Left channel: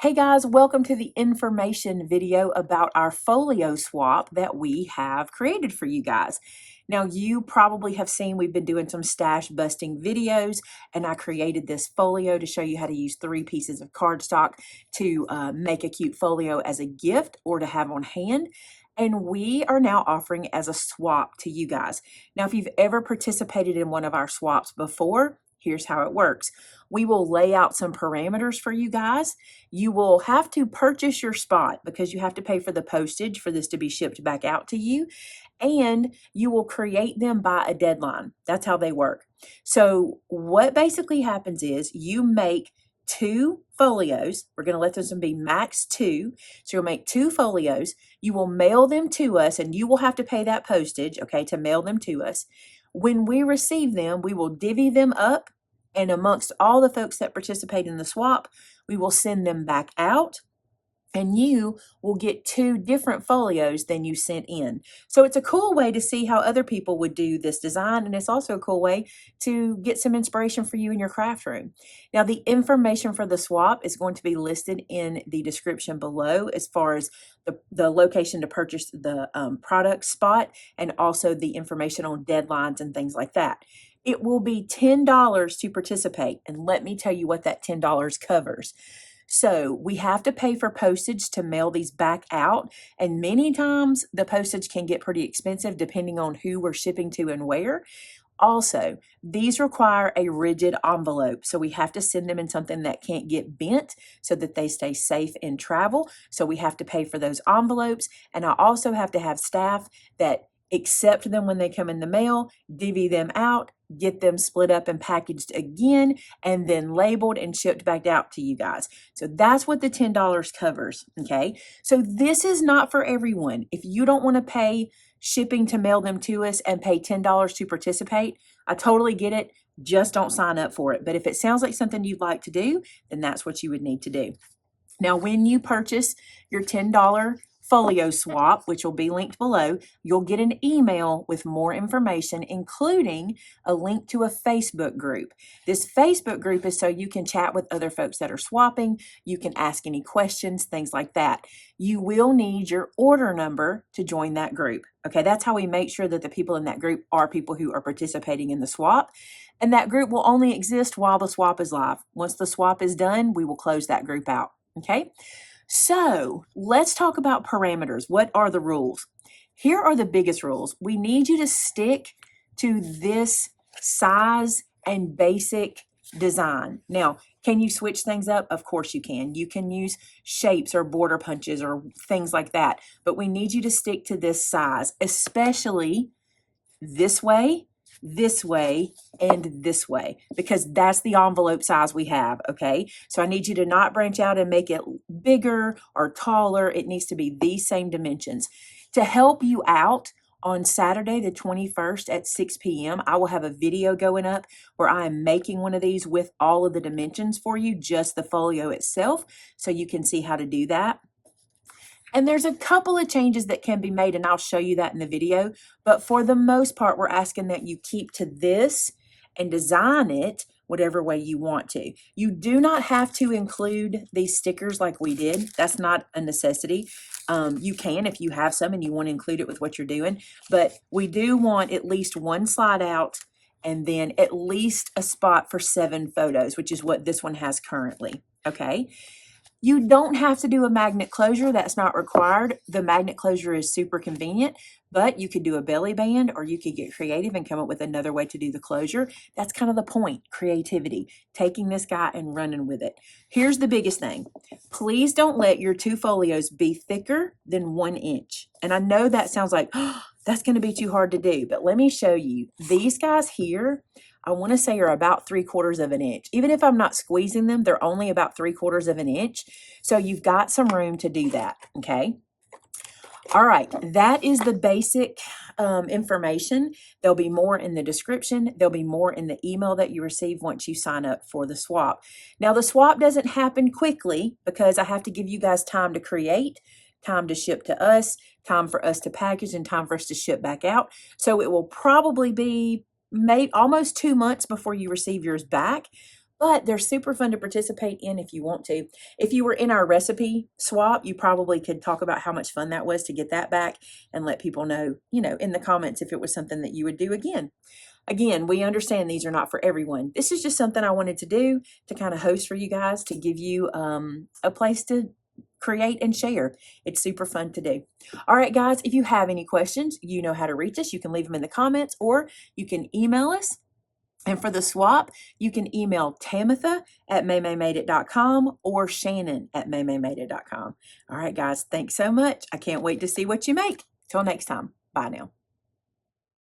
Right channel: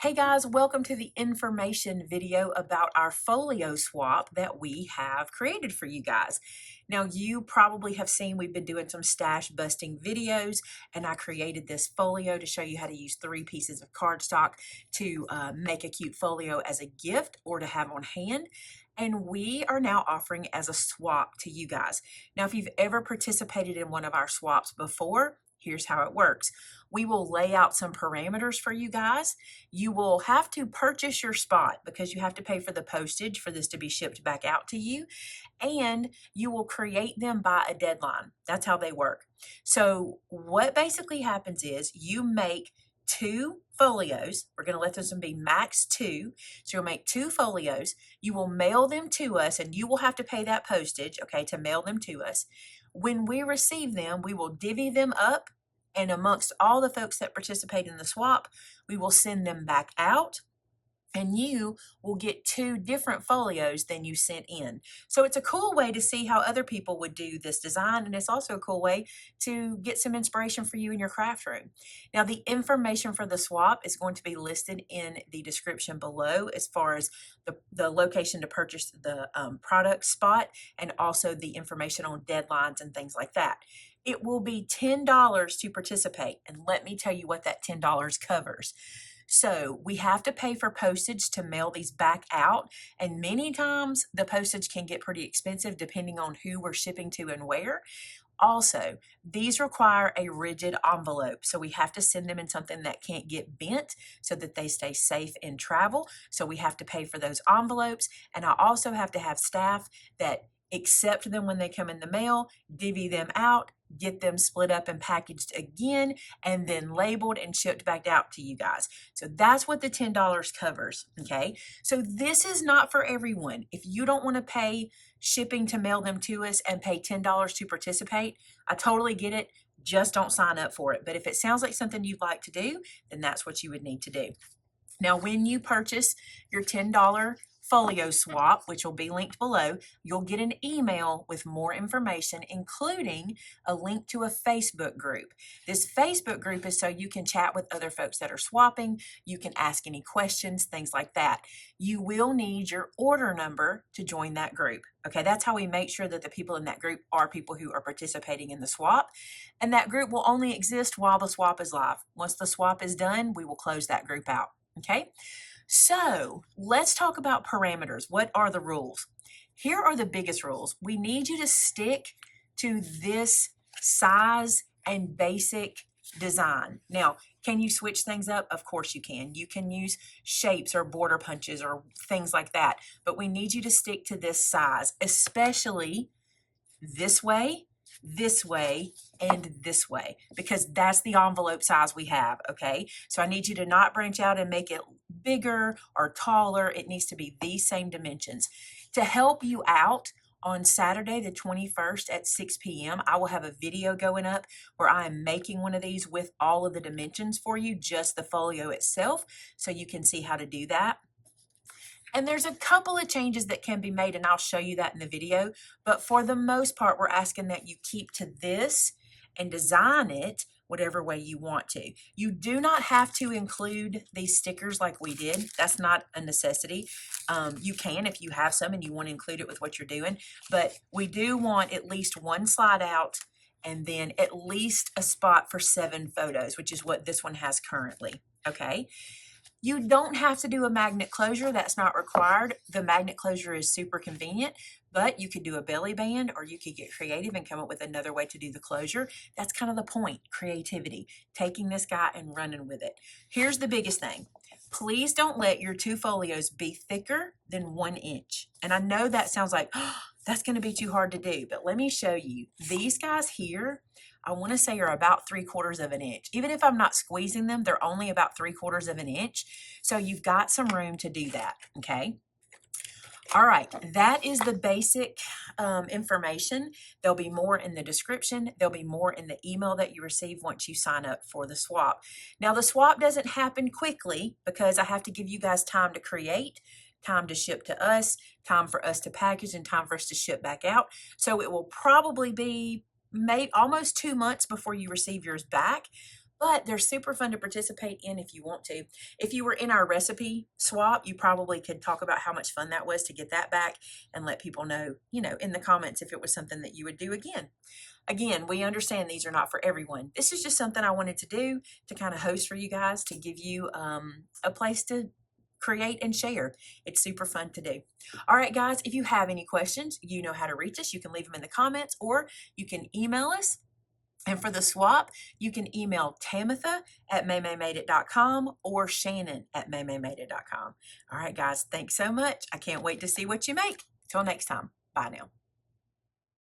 Hey guys, welcome to the information video about our folio swap that we have created for you guys. Now, you probably have seen we've been doing some stash busting videos, and I created this folio to show you how to use 3 pieces of cardstock to make a cute folio as a gift or to have on hand. And we are now offering as a swap to you guys. Now, if you've ever participated in one of our swaps before, here's how it works. We will lay out some parameters for you guys. You will have to purchase your spot because you have to pay for the postage for this to be shipped back out to you. And you will create them by a deadline. That's how they work. So what basically happens is you make 2 folios. We're going to let those be max 2. So you'll make 2 folios. You will mail them to us, and you will have to pay that postage, okay, to mail them to us. When we receive them, we will divvy them up, and amongst all the folks that participate in the swap, we will send them back out, and you will get 2 different folios than you sent in. So it's a cool way to see how other people would do this design, and it's also a cool way to get some inspiration for you in your craft room. Now, the information for the swap is going to be listed in the description below as far as the location to purchase the product spot, and also the information on deadlines and things like that. It will be $10 to participate, and let me tell you what that $10 covers. So we have to pay for postage to mail these back out, and many times the postage can get pretty expensive depending on who we're shipping to and where. Also, these require a rigid envelope, so we have to send them in something that can't get bent so that they stay safe in travel. So we have to pay for those envelopes, and I also have to have staff that accept them when they come in the mail, divvy them out, get them split up and packaged again, and then labeled and shipped back out to you guys. So that's what the $10 covers, okay? So this is not for everyone. If you don't want to pay shipping to mail them to us and pay $10 to participate, I totally get it. Just don't sign up for it. But if it sounds like something you'd like to do, then that's what you would need to do. Now, when you purchase your $10 folio swap, which will be linked below, you'll get an email with more information, including a link to a Facebook group. This Facebook group is so you can chat with other folks that are swapping. You can ask any questions, things like that. You will need your order number to join that group. Okay, that's how we make sure that the people in that group are people who are participating in the swap. And that group will only exist while the swap is live. Once the swap is done, we will close that group out. Okay, so let's talk about parameters. What are the rules? Here are the biggest rules. We need you to stick to this size and basic design. Now, can you switch things up? Of course you can. You can use shapes or border punches or things like that, but we need you to stick to this size, especially this way, and this way, because that's the envelope size we have, okay? So I need you to not branch out and make it bigger or taller. It needs to be these same dimensions. To help you out, on Saturday the 21st at 6 p.m., I will have a video going up where I am making one of these with all of the dimensions for you, just the folio itself, so you can see how to do that. And there's a couple of changes that can be made, and I'll show you that in the video. But for the most part, we're asking that you keep to this and design it whatever way you want to. You do not have to include these stickers like we did. That's not a necessity. You can if you have some and you want to include it with what you're doing. But we do want at least one slide out and then at least a spot for 7 photos, which is what this one has currently. Okay. You don't have to do a magnet closure. That's not required. The magnet closure is super convenient, but you could do a belly band, or you could get creative and come up with another way to do the closure. That's kind of the point, creativity, taking this guy and running with it. Here's the biggest thing. Please don't let your 2 folios be thicker than 1 inch. And I know that sounds like, oh, that's going to be too hard to do, but let me show you. These guys here, I want to say are about 3/4 of an inch. Even if I'm not squeezing them, they're only about 3/4 of an inch. So you've got some room to do that, okay? All right, that is the basic information. There'll be more in the description. There'll be more in the email that you receive once you sign up for the swap. Now, the swap doesn't happen quickly because I have to give you guys time to create, time to ship to us, time for us to package, and time for us to ship back out. So it will probably be almost 2 months before you receive yours back. but they're super fun to participate in if you want to. If you were in our recipe swap, you probably could talk about how much fun that was to get that back and let people know, in the comments if it was something that you would do again. Again, we understand these are not for everyone. This is just something I wanted to do to kind of host for you guys, to give you a place to create and share. It's super fun to do. All right, guys, if you have any questions, you know how to reach us. You can leave them in the comments or you can email us. And for the swap, you can email Tamitha at MaymayMadeIt.com or Shannon at MaymayMadeIt.com. All right, guys, thanks so much. I can't wait to see what you make. Till next time. Bye now.